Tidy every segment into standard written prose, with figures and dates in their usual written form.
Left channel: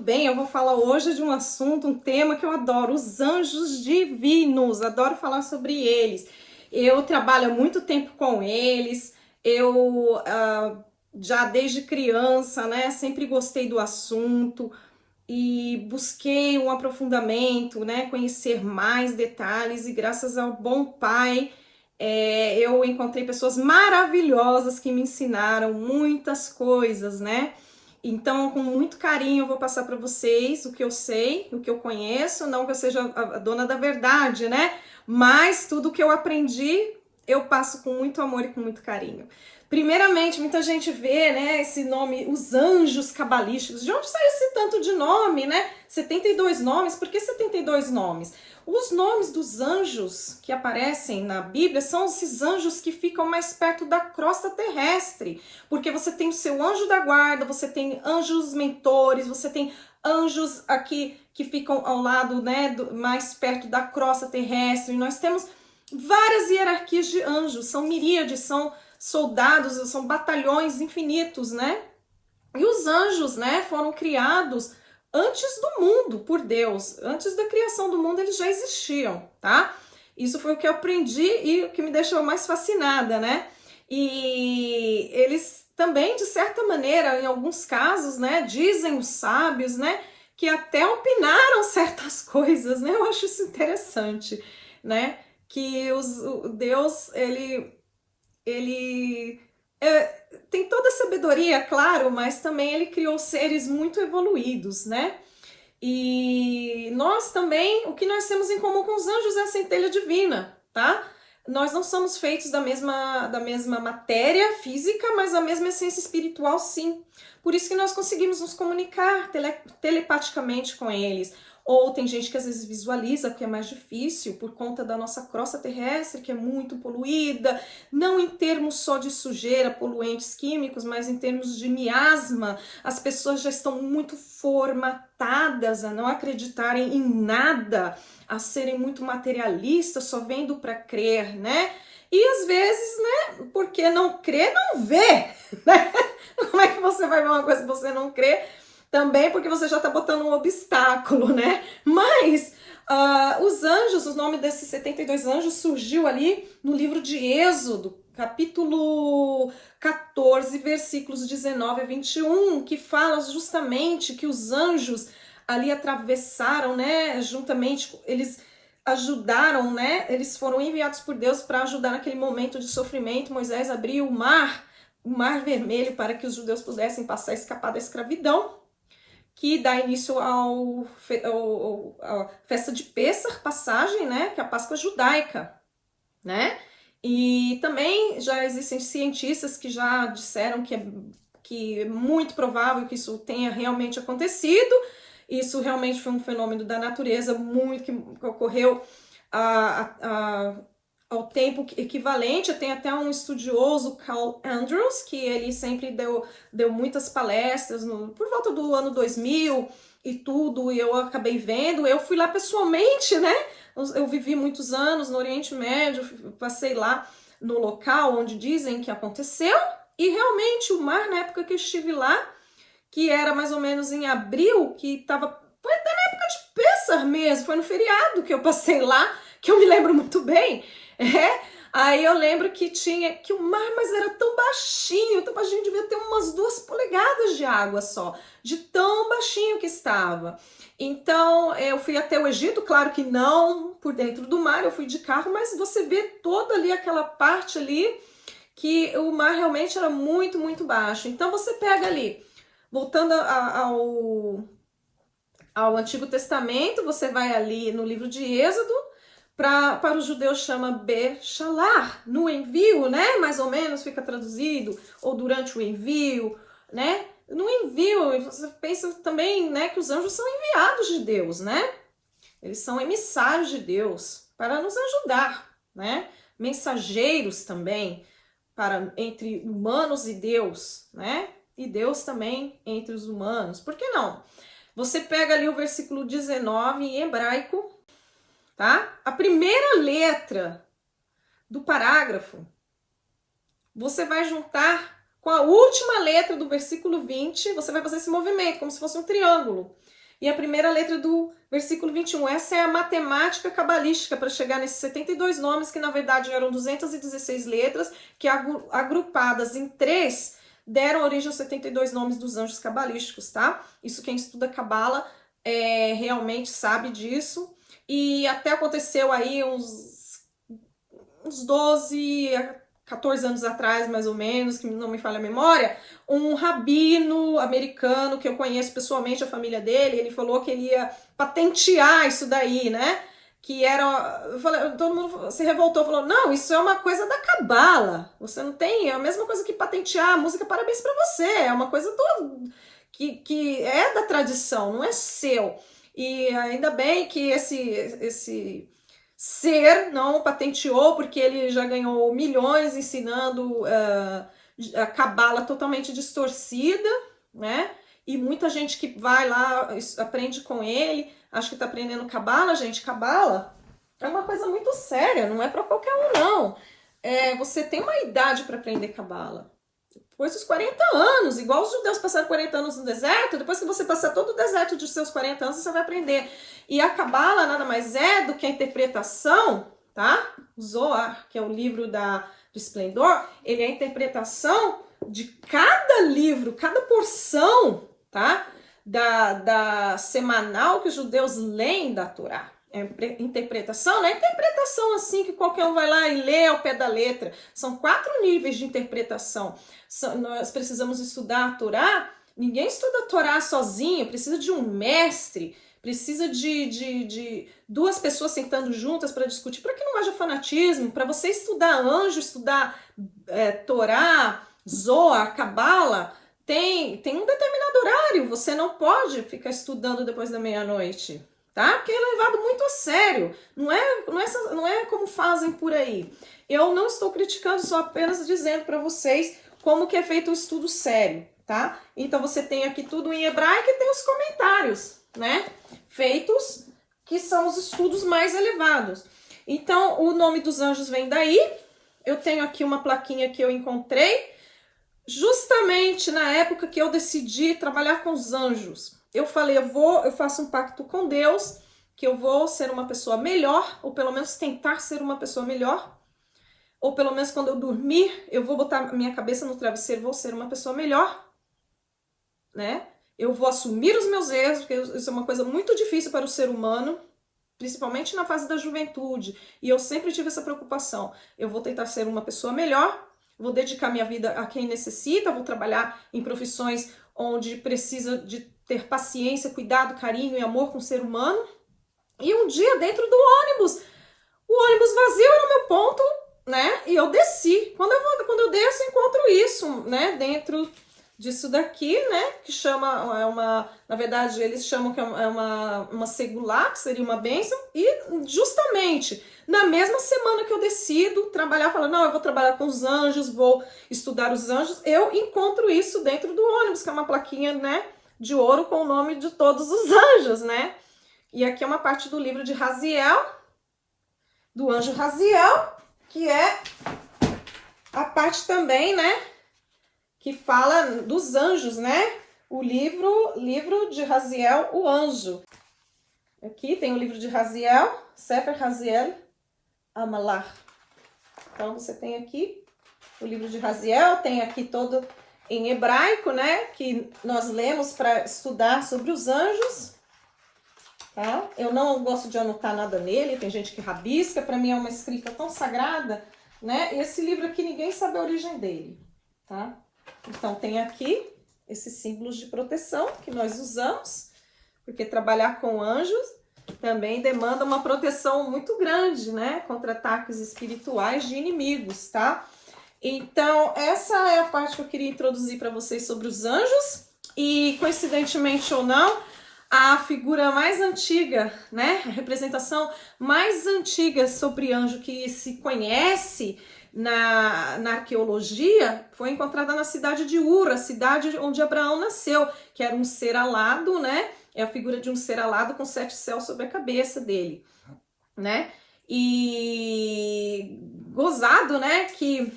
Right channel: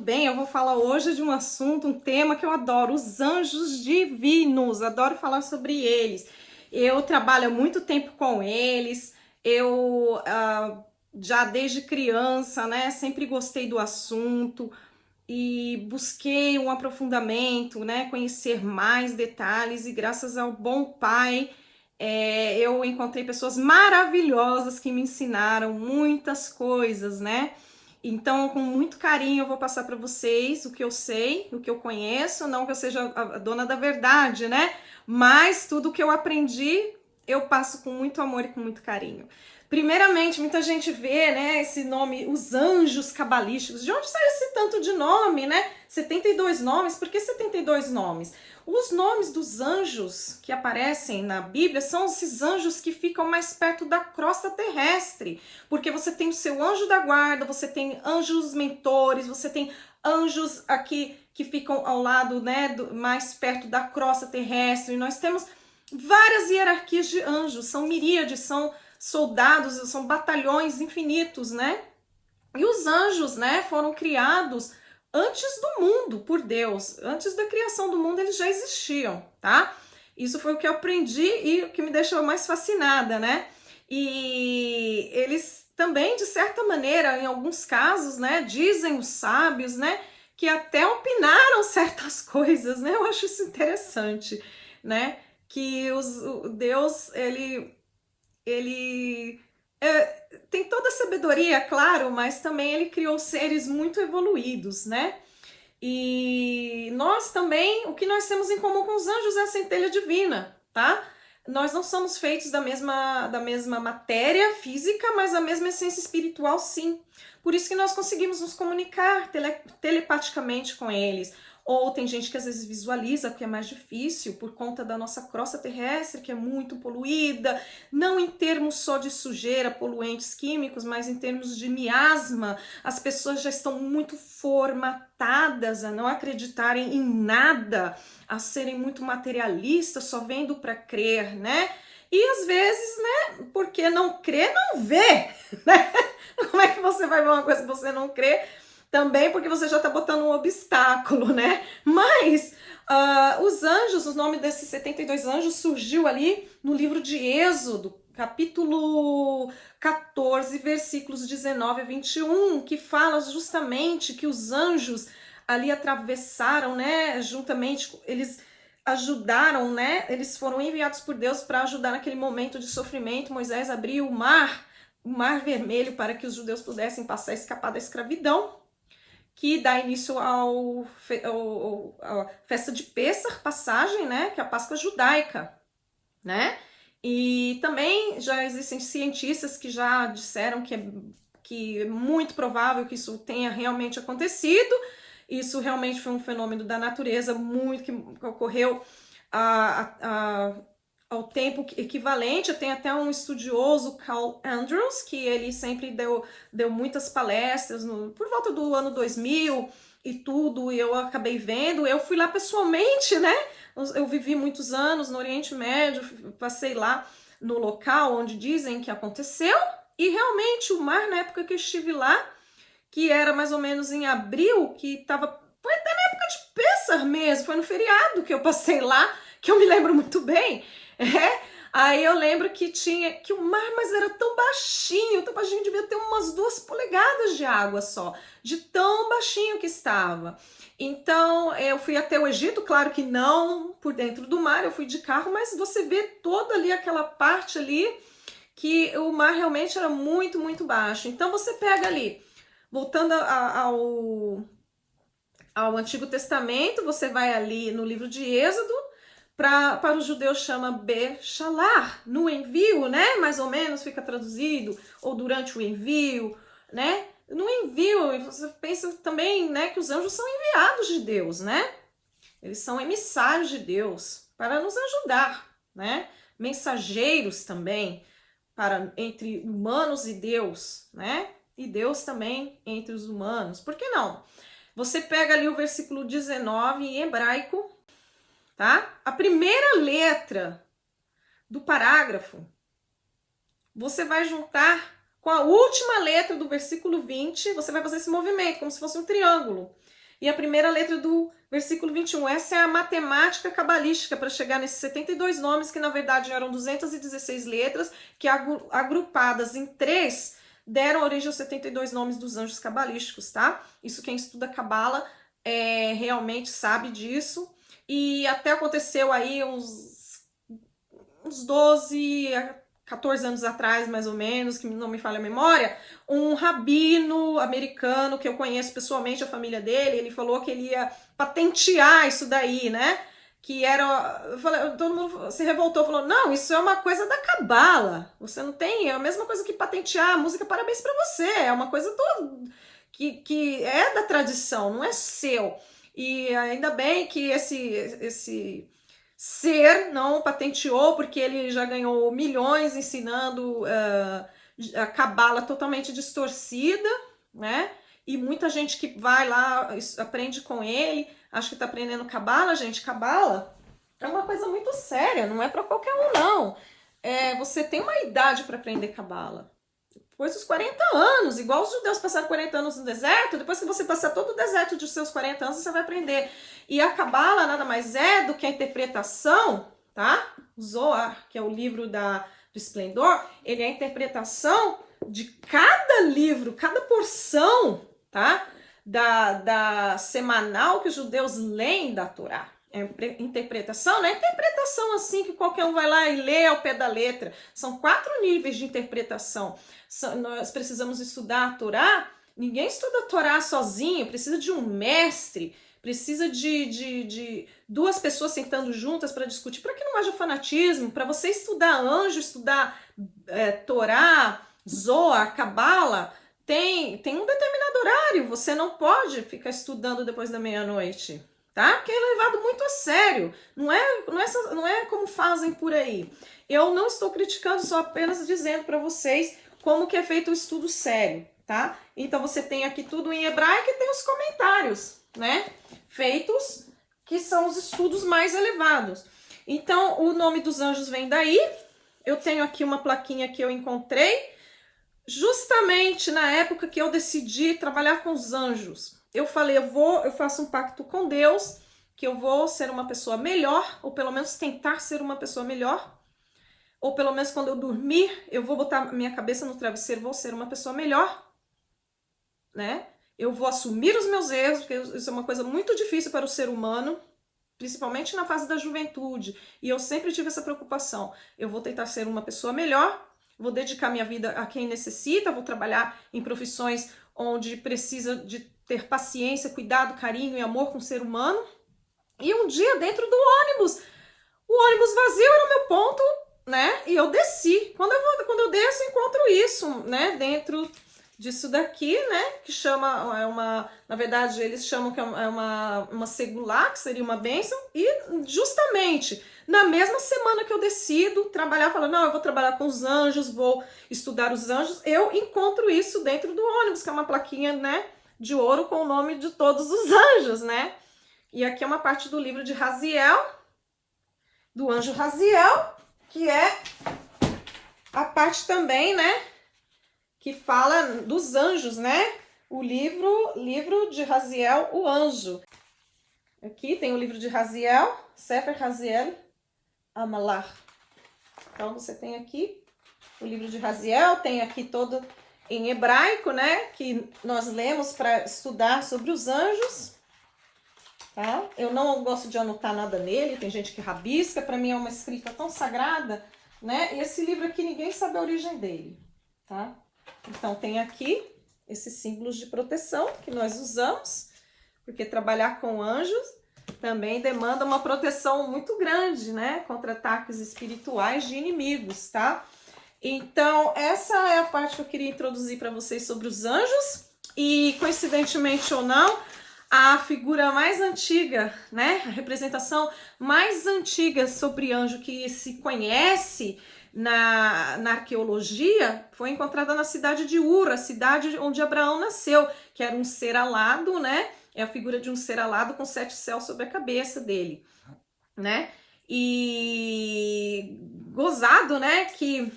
bem? Eu vou falar hoje de um assunto, um tema que eu adoro, os anjos divinos. Adoro falar sobre eles. Eu trabalho há muito tempo com eles. Eu já desde criança, né, sempre gostei do assunto e busquei um aprofundamento, né, conhecer mais detalhes e graças ao bom Pai, eu encontrei pessoas maravilhosas que me ensinaram muitas coisas, né? Então, com muito carinho, eu vou passar para vocês o que eu sei, o que eu conheço, não que eu seja a dona da verdade, né? Mas tudo que eu aprendi, eu passo com muito amor e com muito carinho. Primeiramente, muita gente vê, né, esse nome, os anjos cabalísticos. De onde saiu esse tanto de nome, né? 72 nomes, por que 72 nomes? Os nomes dos anjos que aparecem na Bíblia são esses anjos que ficam mais perto da crosta terrestre, porque você tem o seu anjo da guarda, você tem anjos mentores, você tem anjos aqui que ficam ao lado, né, mais perto da crosta terrestre. Nós temos várias hierarquias de anjos, são miríades, são soldados, são batalhões infinitos, né? E os anjos, né, foram criados antes do mundo por Deus. Antes da criação do mundo eles já existiam, tá? Isso foi o que eu aprendi e o que me deixou mais fascinada, né? E eles também, de certa maneira, em alguns casos, né, dizem os sábios, né, que até opinaram certas coisas, né? Eu acho isso interessante, né? Que o Deus, ele é, tem toda a sabedoria, claro, mas também ele criou seres muito evoluídos, né? E nós também, o que nós temos em comum com os anjos é a centelha divina, tá? Nós não somos feitos da mesma matéria física, mas a mesma essência espiritual, sim. Por isso que nós conseguimos nos comunicar telepaticamente com eles. Ou tem gente que às vezes visualiza, que é mais difícil, por conta da nossa crosta terrestre, que é muito poluída, não em termos só de sujeira, poluentes químicos, mas em termos de miasma. As pessoas já estão muito formatadas a não acreditarem em nada, a serem muito materialistas, só vendo para crer, né? E às vezes, né, porque não crê, não vê, né? Como é que você vai ver uma coisa que você não crê? Também porque você já está botando um obstáculo, né? Mas os anjos, o nome desses 72 anjos surgiu ali no livro de Êxodo, capítulo 14, versículos 19 a 21, que fala justamente que os anjos ali atravessaram, né? Juntamente, eles ajudaram, né? Eles foram enviados por Deus para ajudar naquele momento de sofrimento. Moisés abriu o mar vermelho para que os judeus pudessem passar e escapar da escravidão, que dá início à festa de Pêssar, passagem, né, que é a Páscoa judaica, né? E também já existem cientistas que já disseram que é muito provável que isso tenha realmente acontecido. Isso realmente foi um fenômeno da natureza muito que ocorreu ao tempo equivalente. Tem até um estudioso, Carl Andrews, que ele sempre deu muitas palestras por volta do ano 2000 e tudo, e eu acabei vendo. Eu fui lá pessoalmente, né? Eu vivi muitos anos no Oriente Médio, passei lá no local onde dizem que aconteceu, e realmente o mar, na época que eu estive lá, que era mais ou menos em abril, que estava, foi até na época de Pêssar mesmo, foi no feriado que eu passei lá, que eu me lembro muito bem. Aí eu lembro que que o mar, mas era tão baixinho, devia ter umas 2 polegadas de água só, de tão baixinho que estava. Então eu fui até o Egito, claro que não por dentro do mar, eu fui de carro, mas você vê toda ali aquela parte ali que o mar realmente era muito, muito baixo. Então você pega ali, voltando ao Antigo Testamento, você vai ali no livro de Êxodo, para os judeus chama Beshalar, no envio, né? Mais ou menos fica traduzido, ou durante o envio, né? No envio, você pensa também, né, que os anjos são enviados de Deus, né? Eles são emissários de Deus para nos ajudar, né? Mensageiros também para entre humanos e Deus, né? E Deus também entre os humanos. Por que não? Você pega ali o versículo 19 em hebraico, tá? A primeira letra do parágrafo, você vai juntar com a última letra do versículo 20, você vai fazer esse movimento, como se fosse um triângulo. E a primeira letra do versículo 21. Essa é a matemática cabalística para chegar nesses 72 nomes, que na verdade eram 216 letras, que agrupadas em 3, deram origem aos 72 nomes dos anjos cabalísticos, tá? Isso quem estuda cabala realmente sabe disso. E até aconteceu aí uns 12 a 14 anos atrás, mais ou menos, que não me falha a memória, um rabino americano que eu conheço pessoalmente, a família dele, ele falou que ele ia patentear isso daí, né? Que era... Todo mundo se revoltou, falou, não, isso é uma coisa da cabala, você não tem... É a mesma coisa que patentear a música Parabéns pra Você, é uma coisa que é da tradição, não é seu. E ainda bem que esse ser não patenteou, porque ele já ganhou milhões ensinando a cabala totalmente distorcida, né? E muita gente que vai lá, aprende com ele, acha que tá aprendendo cabala, gente. Cabala é uma coisa muito séria, não é para qualquer um, não. Você tem uma idade para aprender cabala. Depois dos 40 anos, igual os judeus passaram 40 anos no deserto, depois que você passar todo o deserto dos seus 40 anos, você vai aprender. E a cabala nada mais é do que a interpretação, tá? Zohar, que é o livro do esplendor, ele é a interpretação de cada livro, cada porção, tá? Da semanal que os judeus leem da Torá. Interpretação, não é interpretação assim que qualquer um vai lá e lê ao pé da letra. São 4 níveis de interpretação. Nós precisamos estudar a Torá. Ninguém estuda a Torá sozinho, precisa de um mestre, precisa de 2 pessoas sentando juntas para discutir, para que não haja fanatismo. Para você estudar anjo, estudar Torá, Zohar, Cabala, tem um determinado horário. Você não pode ficar estudando depois da meia-noite, tá? Porque é levado muito a sério. Não é como fazem por aí. Eu não estou criticando, só apenas dizendo para vocês como que é feito o estudo sério, tá? Então você tem aqui tudo em hebraico e tem os comentários, né? Feitos, que são os estudos mais elevados. Então, o nome dos anjos vem daí. Eu tenho aqui uma plaquinha que eu encontrei, justamente na época que eu decidi trabalhar com os anjos. Eu falei, eu faço um pacto com Deus, que eu vou ser uma pessoa melhor, ou pelo menos tentar ser uma pessoa melhor, ou pelo menos quando eu dormir, eu vou botar minha cabeça no travesseiro, vou ser uma pessoa melhor, né? Eu vou assumir os meus erros, porque isso é uma coisa muito difícil para o ser humano, principalmente na fase da juventude, e eu sempre tive essa preocupação. Eu vou tentar ser uma pessoa melhor, vou dedicar minha vida a quem necessita, vou trabalhar em profissões onde precisa de ter paciência, cuidado, carinho e amor com o ser humano. E um dia, dentro do ônibus, o ônibus vazio era o meu ponto, né? E eu desci. Quando eu desço, eu encontro isso, né? Dentro disso daqui, né? Que chama, na verdade, eles chamam que é uma segulá, que seria uma bênção. E justamente na mesma semana que eu decido trabalhar, falando, não, eu vou trabalhar com os anjos, vou estudar os anjos, eu encontro isso dentro do ônibus, que é uma plaquinha, né? De ouro com o nome de todos os anjos, né? E aqui é uma parte do livro de Raziel, do anjo Raziel, que é a parte também, né, que fala dos anjos, né? O livro de Raziel, o anjo. Aqui tem o livro de Raziel, Sefer Raziel Amalar. Então você tem aqui o livro de Raziel, tem aqui todo em hebraico, né, que nós lemos para estudar sobre os anjos. Tá? Eu não gosto de anotar nada nele, tem gente que rabisca, para mim é uma escrita tão sagrada, né? E esse livro aqui ninguém sabe a origem dele, tá? Então tem aqui esses símbolos de proteção que nós usamos, porque trabalhar com anjos também demanda uma proteção muito grande, né? Contra ataques espirituais de inimigos, tá? Então essa é a parte que eu queria introduzir para vocês sobre os anjos. E coincidentemente ou não, a figura mais antiga, né, a representação mais antiga sobre anjo que se conhece na arqueologia foi encontrada na cidade de Ur, a cidade onde Abraão nasceu, que era um ser alado, né, é a figura de um ser alado com 7 céus sobre a cabeça dele, né, e gozado, né, que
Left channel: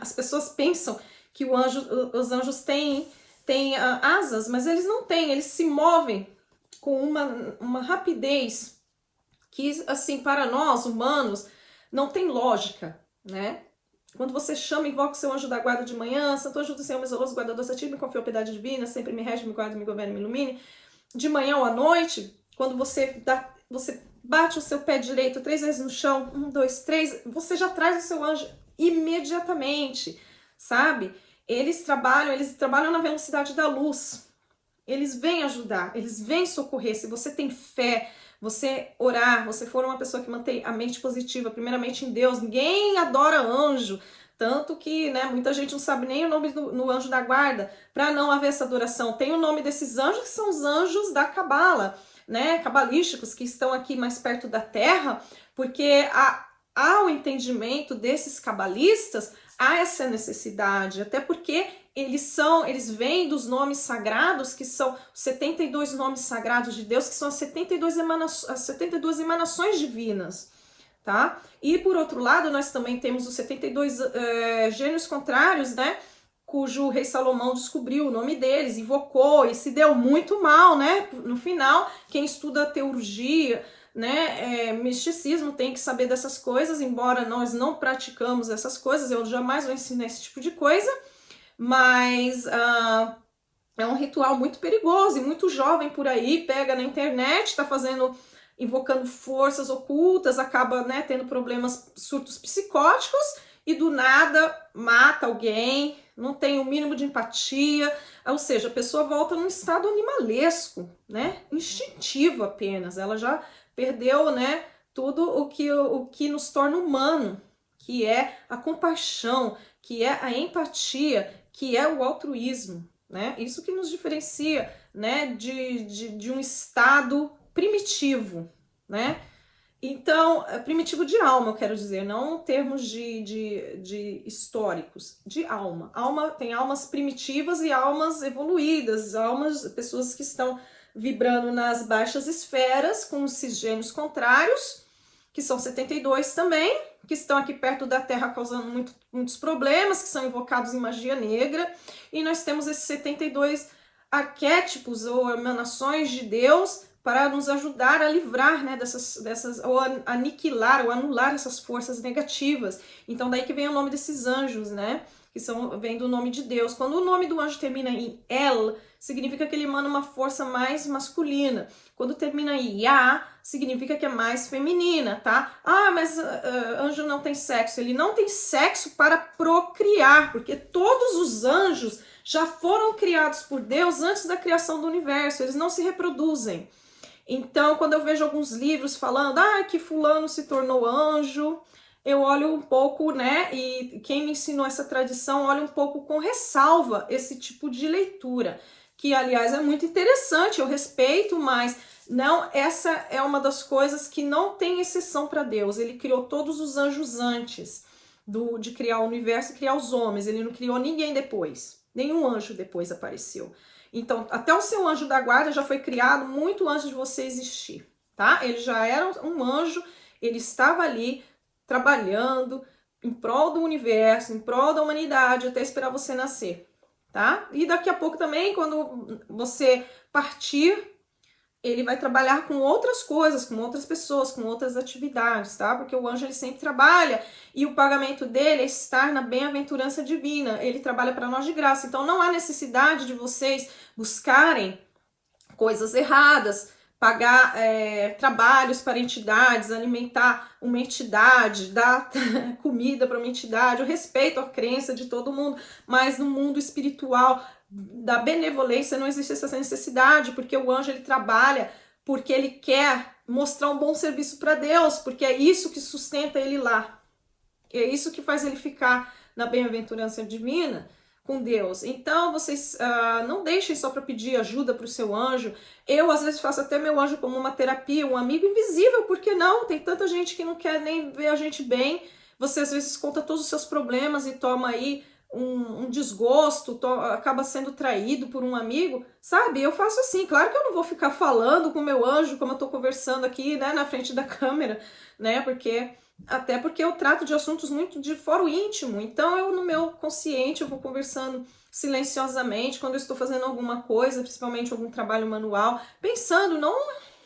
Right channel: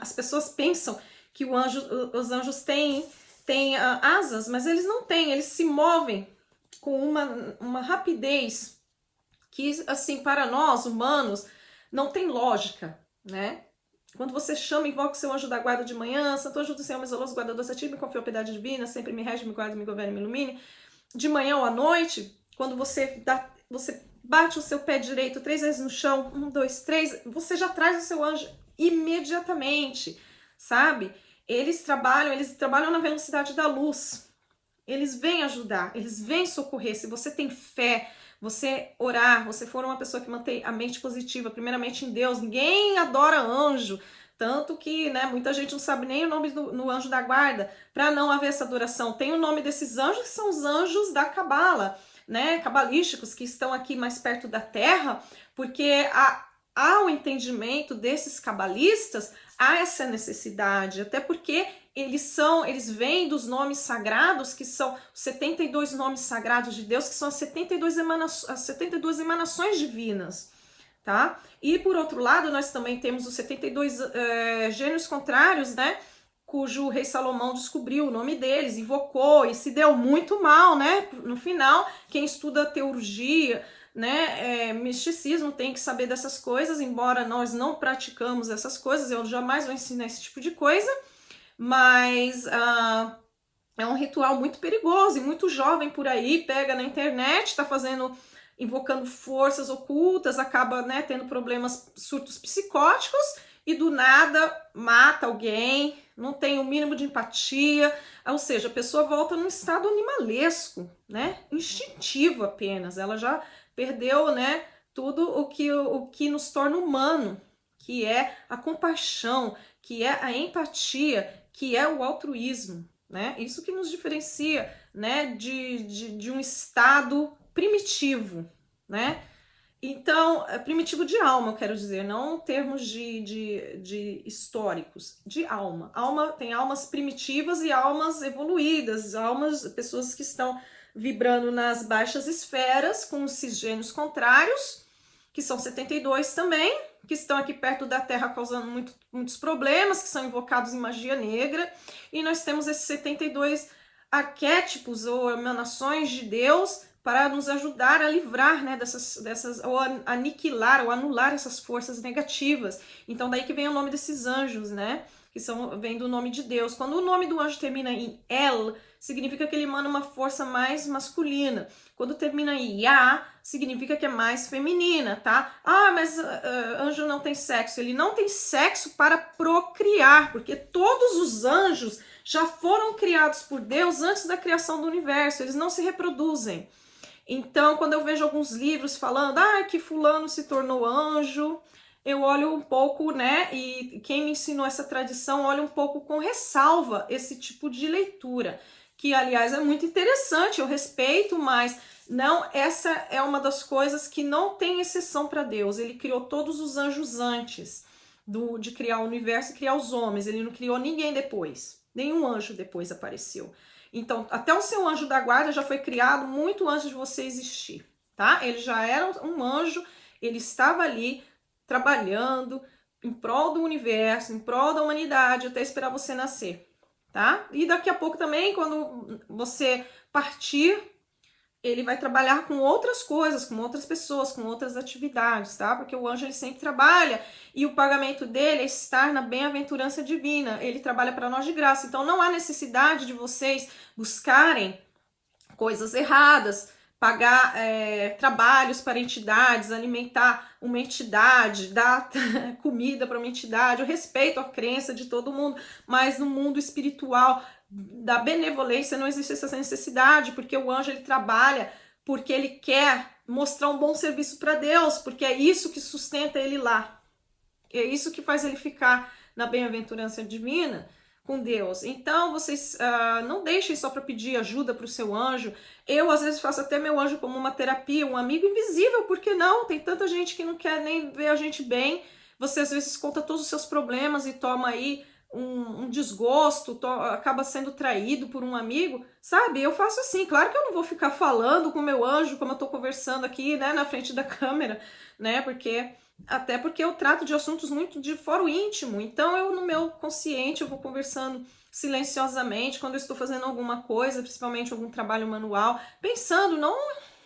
as pessoas pensam que os anjos têm asas, mas eles não têm, eles se movem com uma rapidez que, assim, para nós, humanos, não tem lógica, né? Quando você chama e invoca o seu anjo da guarda de manhã, Santo Anjo do Senhor, meu zeloso guardador, se a ti me confiou a piedade divina, sempre me rege, me guarda, me governa, me ilumine. De manhã ou à noite, quando você bate o seu pé direito 3 vezes no chão, 1, 2, 3, você já traz o seu anjo imediatamente, sabe? Eles trabalham na velocidade da luz. Eles vêm ajudar, eles vêm socorrer. Se você tem fé, você orar, você for uma pessoa que mantém a mente positiva, primeiramente em Deus, ninguém adora anjo, tanto que, né, muita gente não sabe nem o nome no anjo da guarda, para não haver essa adoração. Tem o nome desses anjos, que são os anjos da cabala, né, cabalísticos, que estão aqui mais perto da terra, porque há o entendimento desses cabalistas, há essa necessidade, até porque eles vêm dos nomes sagrados, que são os 72 nomes sagrados de Deus, que são as 72 emanações divinas, tá? E por outro lado, nós também temos os 72 gênios contrários, né? Cujo rei Salomão descobriu o nome deles, invocou e se deu muito mal, né? No final, quem estuda teurgia, né, misticismo tem que saber dessas coisas, embora nós não praticamos essas coisas, eu jamais vou ensinar esse tipo de coisa, mas é um ritual muito perigoso e muito jovem por aí, pega na internet, está invocando forças ocultas, acaba, né, tendo problemas, surtos psicóticos e do nada mata alguém, não tem o mínimo de empatia, ou seja, a pessoa volta num estado animalesco, né, instintivo apenas, ela já perdeu, né, tudo o que nos torna humano, que é a compaixão, que é a empatia, que é o altruísmo, né? Isso que nos diferencia, né, de um estado primitivo, né? Então, primitivo de alma, eu quero dizer, não em termos de históricos, de alma. Tem almas primitivas e almas evoluídas, pessoas que estão vibrando nas baixas esferas com os cisgênios contrários, que são 72 também, que estão aqui perto da Terra causando muitos problemas, que são invocados em magia negra, e nós temos esses 72 arquétipos ou emanações de Deus para nos ajudar a livrar, né, ou aniquilar ou anular essas forças negativas. Então daí que vem o nome desses anjos, né, vem do nome de Deus. Quando o nome do anjo termina em El, significa que ele emana uma força mais masculina. Quando termina em Ya, significa que é mais feminina, tá? Ah, mas anjo não tem sexo. Ele não tem sexo para procriar, porque todos os anjos já foram criados por Deus antes da criação do universo. Eles não se reproduzem. Então, quando eu vejo alguns livros falando que fulano se tornou anjo, eu olho um pouco, né, e quem me ensinou essa tradição olha um pouco com ressalva esse tipo de leitura, que aliás é muito interessante, eu respeito, mas não, essa é uma das coisas que não tem exceção para Deus. Ele criou todos os anjos antes de criar o universo e criar os homens, ele não criou ninguém depois, nenhum anjo depois apareceu. Então, até o seu anjo da guarda já foi criado muito antes de você existir, tá? Ele já era um anjo, ele estava ali trabalhando em prol do universo, em prol da humanidade, até esperar você nascer, tá? E daqui a pouco também, quando você partir, ele vai trabalhar com outras coisas, com outras pessoas, com outras atividades, tá? Porque o anjo, ele sempre trabalha e o pagamento dele é estar na bem-aventurança divina. Ele trabalha para nós de graça. Então, não há necessidade de vocês buscarem coisas erradas, pagar trabalhos para entidades, alimentar uma entidade, dar comida para uma entidade. Eu respeito a crença de todo mundo, mas no mundo espiritual da benevolência não existe essa necessidade, porque o anjo, ele trabalha porque ele quer mostrar um bom serviço para Deus, porque é isso que sustenta ele lá, é isso que faz ele ficar na bem-aventurança divina com Deus. Então vocês não deixem só para pedir ajuda para o seu anjo. Eu às vezes faço até meu anjo como uma terapia, um amigo invisível, porque não? Tem tanta gente que não quer nem ver a gente bem. Você às vezes conta todos os seus problemas e toma aí um desgosto, acaba sendo traído por um amigo, sabe? Eu faço assim, claro que eu não vou ficar falando com o meu anjo, como eu tô conversando aqui, né, na frente da câmera, né, até porque eu trato de assuntos muito de foro íntimo, então eu no meu consciente eu vou conversando silenciosamente quando eu estou fazendo alguma coisa, principalmente algum trabalho manual, pensando, não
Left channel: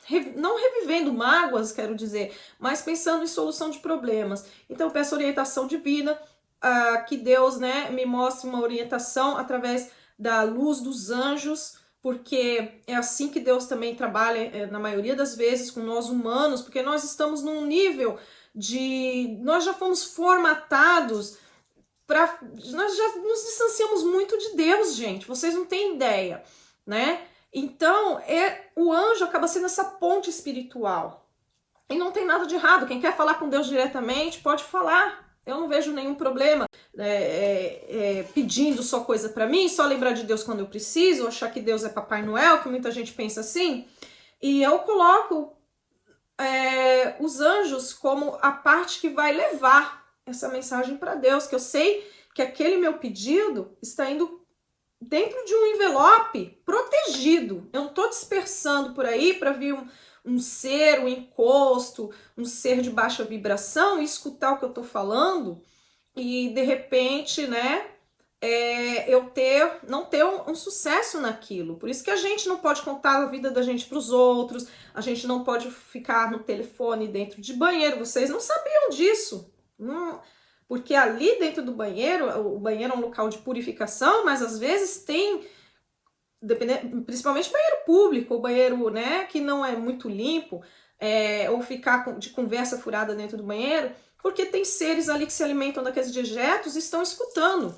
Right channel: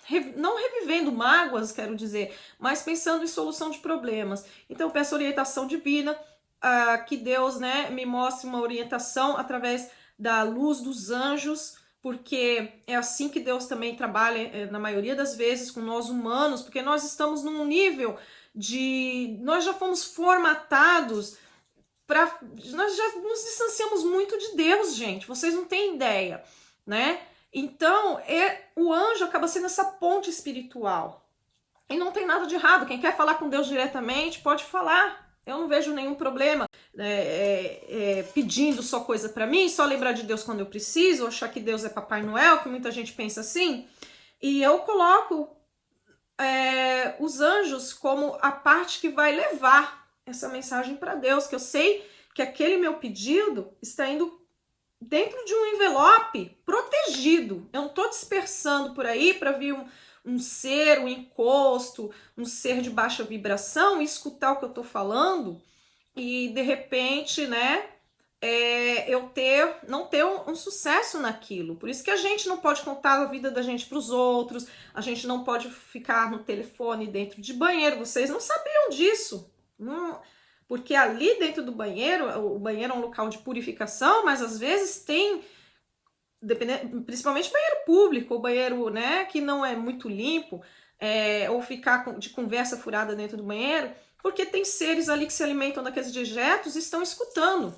revivendo mágoas, quero dizer, mas pensando em solução de problemas. Então eu peço orientação divina, que Deus, né, me mostre uma orientação através da luz dos anjos, porque é assim que Deus também trabalha, na maioria das vezes, com nós humanos, porque nós estamos num nível nós já fomos formatados nós já nos distanciamos muito de Deus, gente, vocês não têm ideia, né? Então, o anjo acaba sendo essa ponte espiritual. E não tem nada de errado. Quem quer falar com Deus diretamente, pode falar. Eu não vejo nenhum problema pedindo só coisa para mim, só lembrar de Deus quando eu preciso, achar que Deus é Papai Noel, que muita gente pensa assim. E eu coloco os anjos como a parte que vai levar essa mensagem para Deus, que eu sei que aquele meu pedido está indo dentro de um envelope protegido. Eu não estou dispersando por aí para vir um ser, um encosto, um ser de baixa vibração e escutar o que eu estou falando e de repente, né, eu não ter um sucesso naquilo. Por isso que a gente não pode contar a vida da gente para os outros, a gente não pode ficar no telefone dentro de banheiro. Vocês não sabiam disso. Porque ali dentro do banheiro, o banheiro é um local de purificação, mas às vezes tem, principalmente banheiro público, ou banheiro, né, que não é muito limpo, ou ficar de conversa furada dentro do banheiro, porque tem seres ali que se alimentam daqueles dejetos e estão escutando.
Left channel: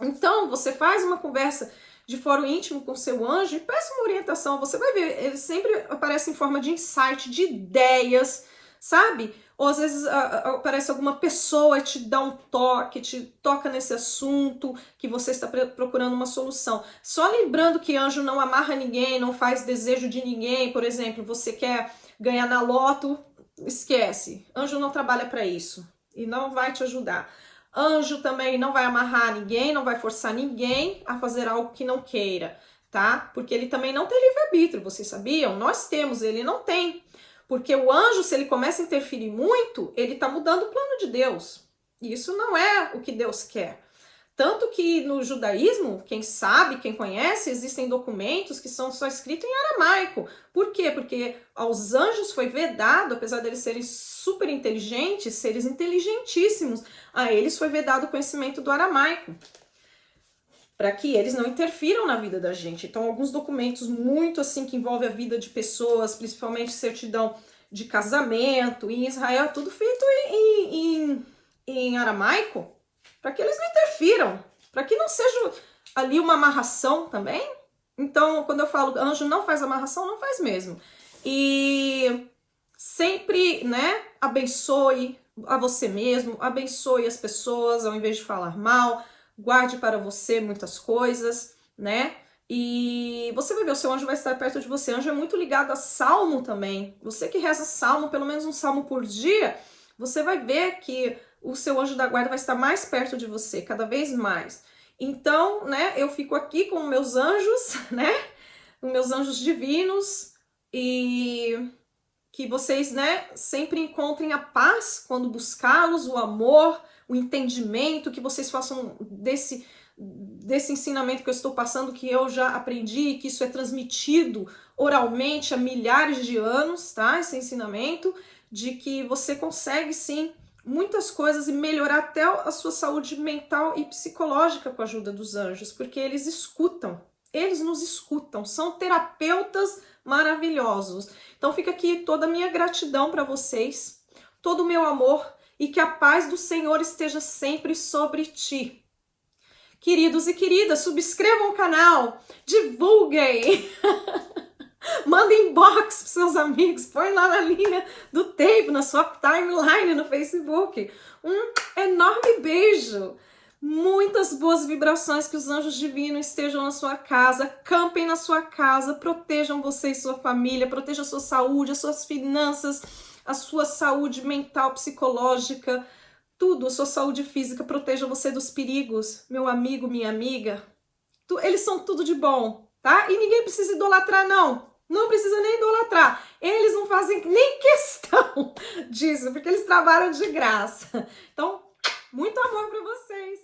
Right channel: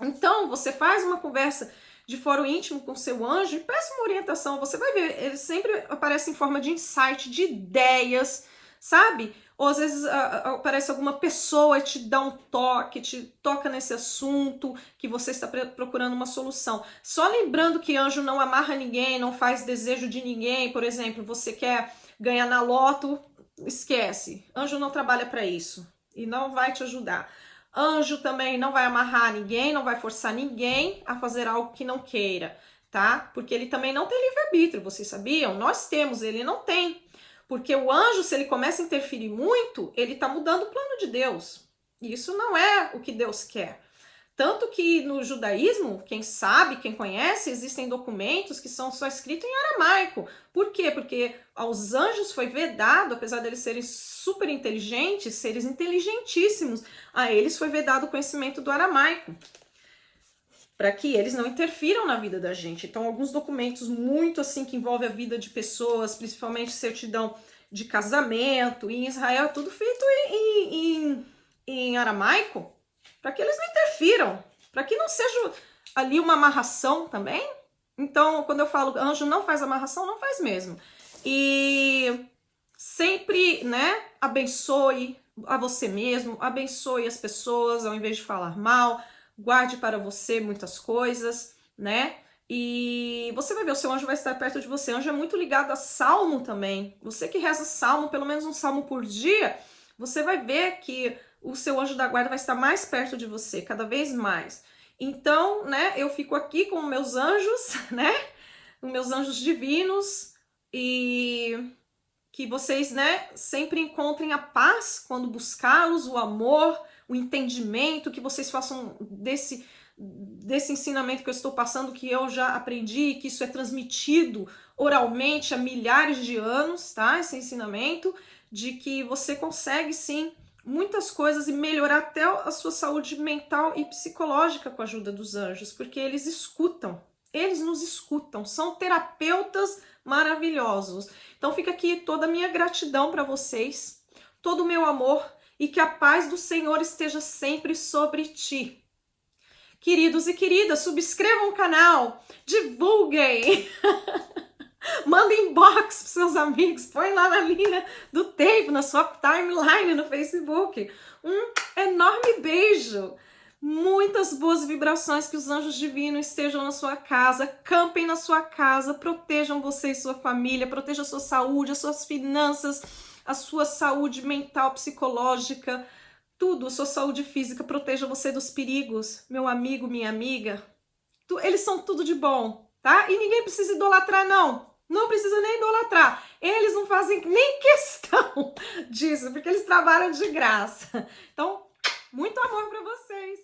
Então, você faz uma conversa de foro íntimo com seu anjo e peça uma orientação. Você vai ver, ele sempre aparece em forma de insight, de ideias, sabe? Ou às vezes aparece alguma pessoa e te dá um toque, te toca nesse assunto que você está procurando uma solução. Só lembrando que anjo não amarra ninguém, não faz desejo de ninguém. Por exemplo, você quer ganhar na loto, esquece. Anjo não trabalha para isso e não vai te ajudar. Anjo também não vai amarrar ninguém, não vai forçar ninguém a fazer algo que não queira, tá? Porque ele também não tem livre-arbítrio, vocês sabiam? Nós temos, ele não tem. Porque o anjo, se ele começa a interferir muito, ele está mudando o plano de Deus. E isso não é o que Deus quer. Tanto que no judaísmo, quem sabe, quem conhece, existem documentos que são só escritos em aramaico. Por quê? Porque aos anjos foi vedado, apesar de eles serem super inteligentes, seres inteligentíssimos, a eles foi vedado o conhecimento do aramaico, para que eles não interfiram na vida da gente. Então, alguns documentos muito assim que envolvem a vida de pessoas, principalmente certidão de casamento, em Israel é tudo feito em aramaico, para que eles não interfiram, para que não seja ali uma amarração também. Então, quando eu falo anjo não faz amarração, não faz mesmo. E sempre, né, abençoe a você mesmo, abençoe as pessoas ao invés de falar mal, guarde para você muitas coisas, né? E você vai ver, o seu anjo vai estar perto de você. O anjo é muito ligado a salmo também. Você que reza salmo, pelo menos um salmo por dia, você vai ver que o seu anjo da guarda vai estar mais perto de você, cada vez mais. Então, né, eu fico aqui com meus anjos, né? Com meus anjos divinos e que vocês, né, sempre encontrem a paz quando buscá-los, o amor, o entendimento, que vocês façam desse ensinamento que eu estou passando, que eu já aprendi, que isso é transmitido oralmente há milhares de anos, tá? Esse ensinamento, de que você consegue sim muitas coisas e melhorar até a sua saúde mental e psicológica com a ajuda dos anjos, porque eles nos escutam, são terapeutas maravilhosos. Então fica aqui toda a minha gratidão para vocês, todo o meu amor, e que a paz do Senhor esteja sempre sobre ti. Queridos e queridas, subscrevam o canal, divulguem, mandem inbox para seus amigos, põe lá na linha do tempo, na sua timeline no Facebook. Um enorme beijo, muitas boas vibrações, que os anjos divinos estejam na sua casa, campem na sua casa, protejam você e sua família, protejam a sua saúde, as suas finanças, a sua saúde mental, psicológica. tudo, sua saúde física, proteja você dos perigos, meu amigo, minha amiga. Eles são tudo de bom, tá? E ninguém precisa idolatrar, não. Não precisa nem idolatrar. Eles não fazem nem questão disso, porque eles trabalham de graça. Então, muito amor para vocês.